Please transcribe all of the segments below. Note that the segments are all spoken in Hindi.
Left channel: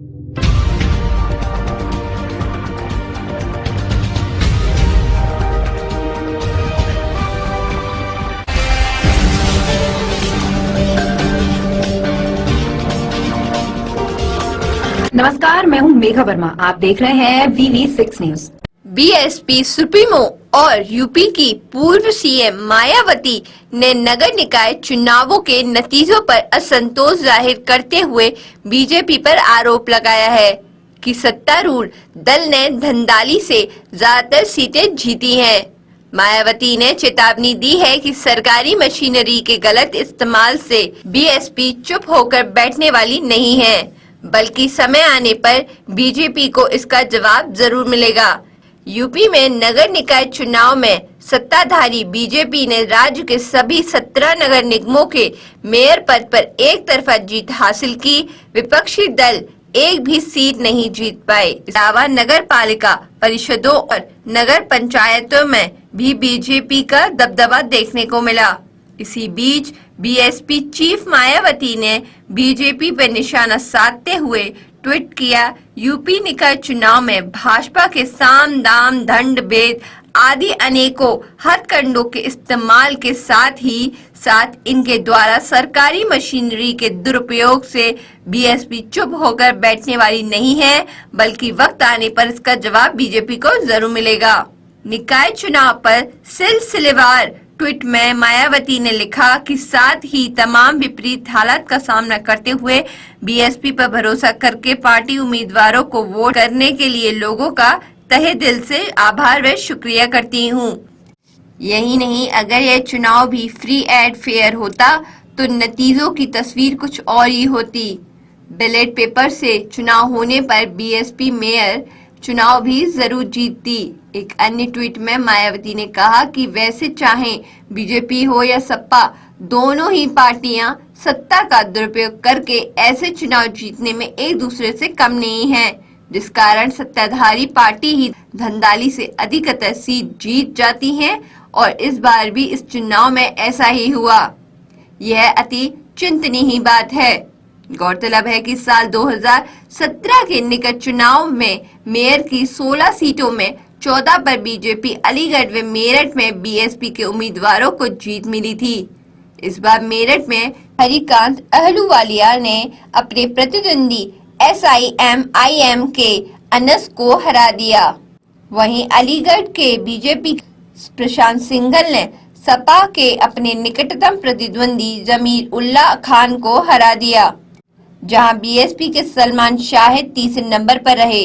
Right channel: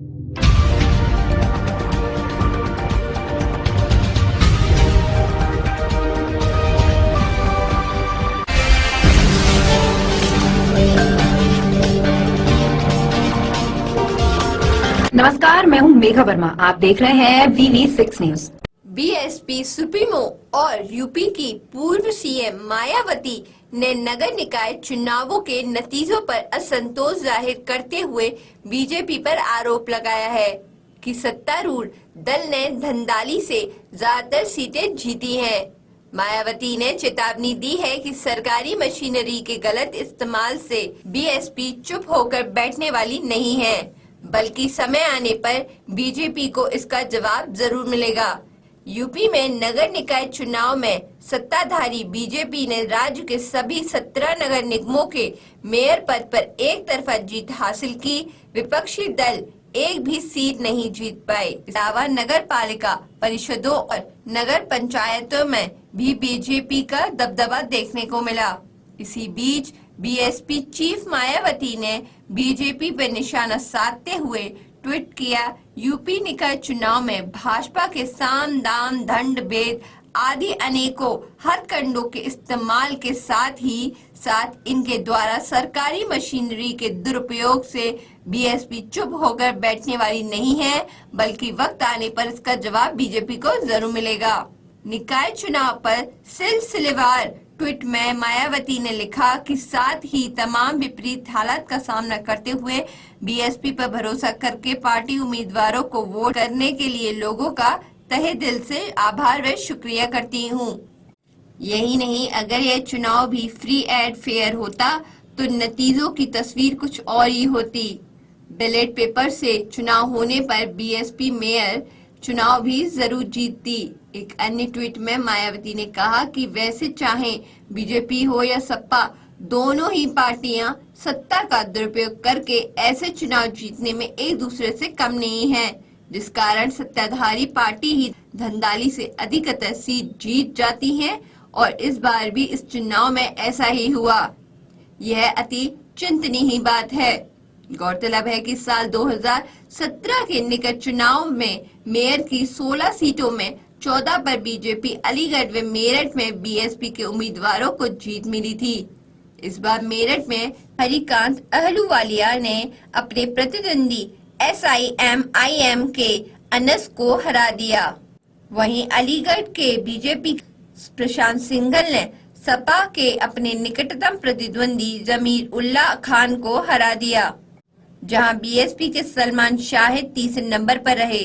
नमस्कार, मैं हूं मेघा वर्मा। आप देख रहे हैं VV6 न्यूज। बीएसपी सुप्रीमो और यूपी की पूर्व सीएम मायावती ने नगर निकाय चुनावों के नतीजों पर असंतोष जाहिर करते हुए बीजेपी पर आरोप लगाया है कि सत्तारूढ़ दल ने धंधाली से ज्यादातर सीटें जीती हैं। मायावती ने चेतावनी दी है कि सरकारी मशीनरी के गलत इस्तेमाल से बीएसपी चुप होकर बैठने वाली नहीं है, बल्कि समय आने पर बीजेपी को इसका जवाब जरूर मिलेगा। यूपी में नगर निकाय चुनाव में सत्ताधारी बीजेपी ने राज्य के सभी 17 नगर निगमों के मेयर पद पर एक तरफा जीत हासिल की। विपक्षी दल एक भी सीट नहीं जीत पाए। इसके अलावा नगर पालिका परिषदों और नगर पंचायतों में भी बीजेपी का दबदबा देखने को मिला। इसी बीच बीएसपी चीफ मायावती ने बीजेपी पर निशाना साधते हुए ट्वीट किया, यूपी निकाय चुनाव में भाजपा के साम दाम दंड भेद आदि अनेकों हथकंडों के इस्तेमाल के साथ इनके द्वारा सरकारी मशीनरी के दुरुपयोग से बीएसपी चुप होकर बैठने वाली नहीं है, बल्कि वक्त आने पर इसका जवाब बीजेपी को जरूर मिलेगा। निकाय चुनाव पर सिलसिलेवार ट्वीट में मायावती ने लिखा कि साथ ही तमाम विपरीत हालात का सामना करते हुए बीएसपी पर भरोसा करके पार्टी उम्मीदवारों को वोट करने के लिए लोगों का तहे दिल से आभार व शुक्रिया करती हूँ। यही नहीं, अगर यह चुनाव भी फ्री एंड फेयर होता तो नतीजों की तस्वीर कुछ और ही होती। बैलेट पेपर से चुनाव होने पर बीएसपी मेयर चुनाव भी जरूर जीतती। एक अन्य ट्वीट में मायावती ने कहा कि वैसे चाहे बीजेपी हो या सपा, दोनों ही पार्टियां सत्ता का दुरुपयोग करके ऐसे चुनाव जीतने में एक दूसरे से कम नहीं है, जिस कारण सत्ताधारी पार्टी ही धंधाली से अधिकतर सीट जीत जाती है और इस बार भी इस चुनाव में ऐसा ही हुआ। यह अति चिंतनीय बात है। गौरतलब है कि साल 2017 के निकट चुनाव में मेयर की 16 सीटों में 14 पर बीजेपी अलीगढ़ व मेरठ में बीएसपी के उम्मीदवारों को जीत मिली थी। इस बार मेरठ में हरिकांत अहलूवालिया ने अपने प्रतिद्वंदी SIMIM के अनस को हरा दिया। वहीं अलीगढ़ के बीजेपी प्रशांत सिंघल ने सपा के अपने निकटतम प्रतिद्वंदी जमीर उल्लाह खान को हरा दिया, जहां बीएसपी के सलमान शाहिद तीसरे नंबर पर रहे।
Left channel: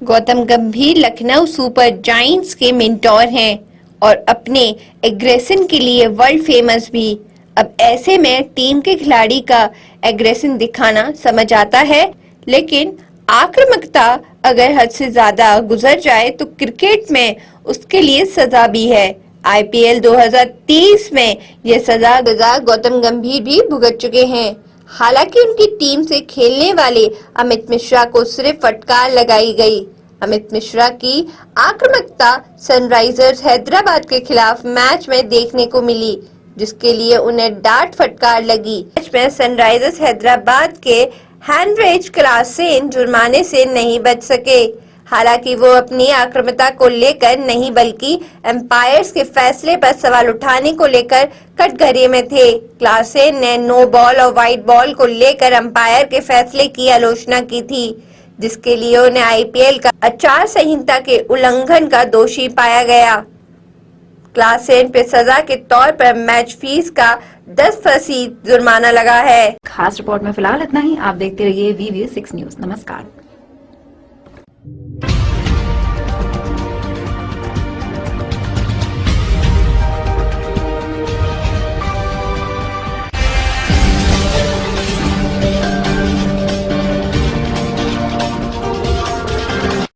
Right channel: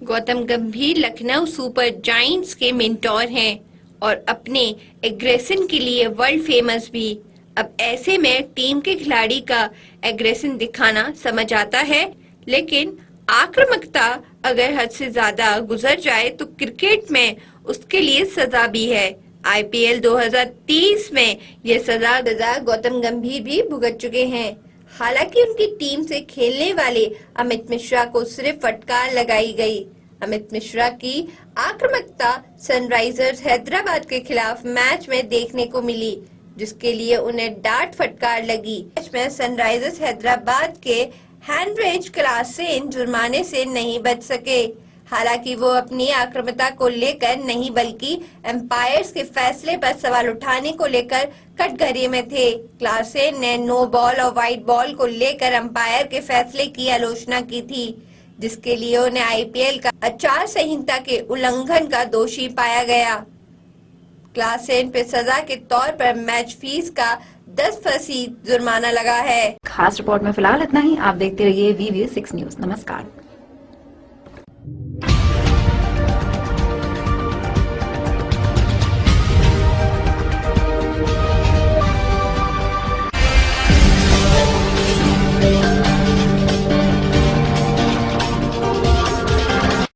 गौतम गंभीर लखनऊ सुपर जायंट्स के मेंटोर हैं और अपने एग्रेशन के लिए वर्ल्ड फेमस भी। अब ऐसे में टीम के खिलाड़ी का एग्रेशन दिखाना समझ आता है, लेकिन आक्रामकता अगर हद से ज्यादा गुजर जाए तो क्रिकेट में उसके लिए सजा भी है। IPL 2030 में यह सजा गौतम गंभीर भी भुगत चुके हैं। हालांकि उनकी टीम से खेलने वाले अमित मिश्रा को सिर्फ फटकार लगाई गई। अमित मिश्रा की आक्रामकता सनराइजर्स हैदराबाद के खिलाफ मैच में देखने को मिली, जिसके लिए उन्हें डांट फटकार लगी। मैच में सनराइजर्स हैदराबाद के हैंड्रेज क्लासेन जुर्माने से नहीं बच सके। हालांकि वो अपनी आक्रामकता को लेकर नहीं, बल्कि एम्पायर्स के फैसले पर सवाल उठाने को लेकर कटघरे में थे। क्लासेन ने नो बॉल और वाइट बॉल को लेकर एम्पायर के फैसले की आलोचना की थी, जिसके लिए उन्हें IPL का आचार संहिता के उल्लंघन का दोषी पाया गया। क्लासेन पे सजा के तौर पर मैच फीस का 10% जुर्माना लगा है। खास रिपोर्ट में फिलहाल इतना ही। आप देखते रहिए VV6 न्यूज। नमस्कार।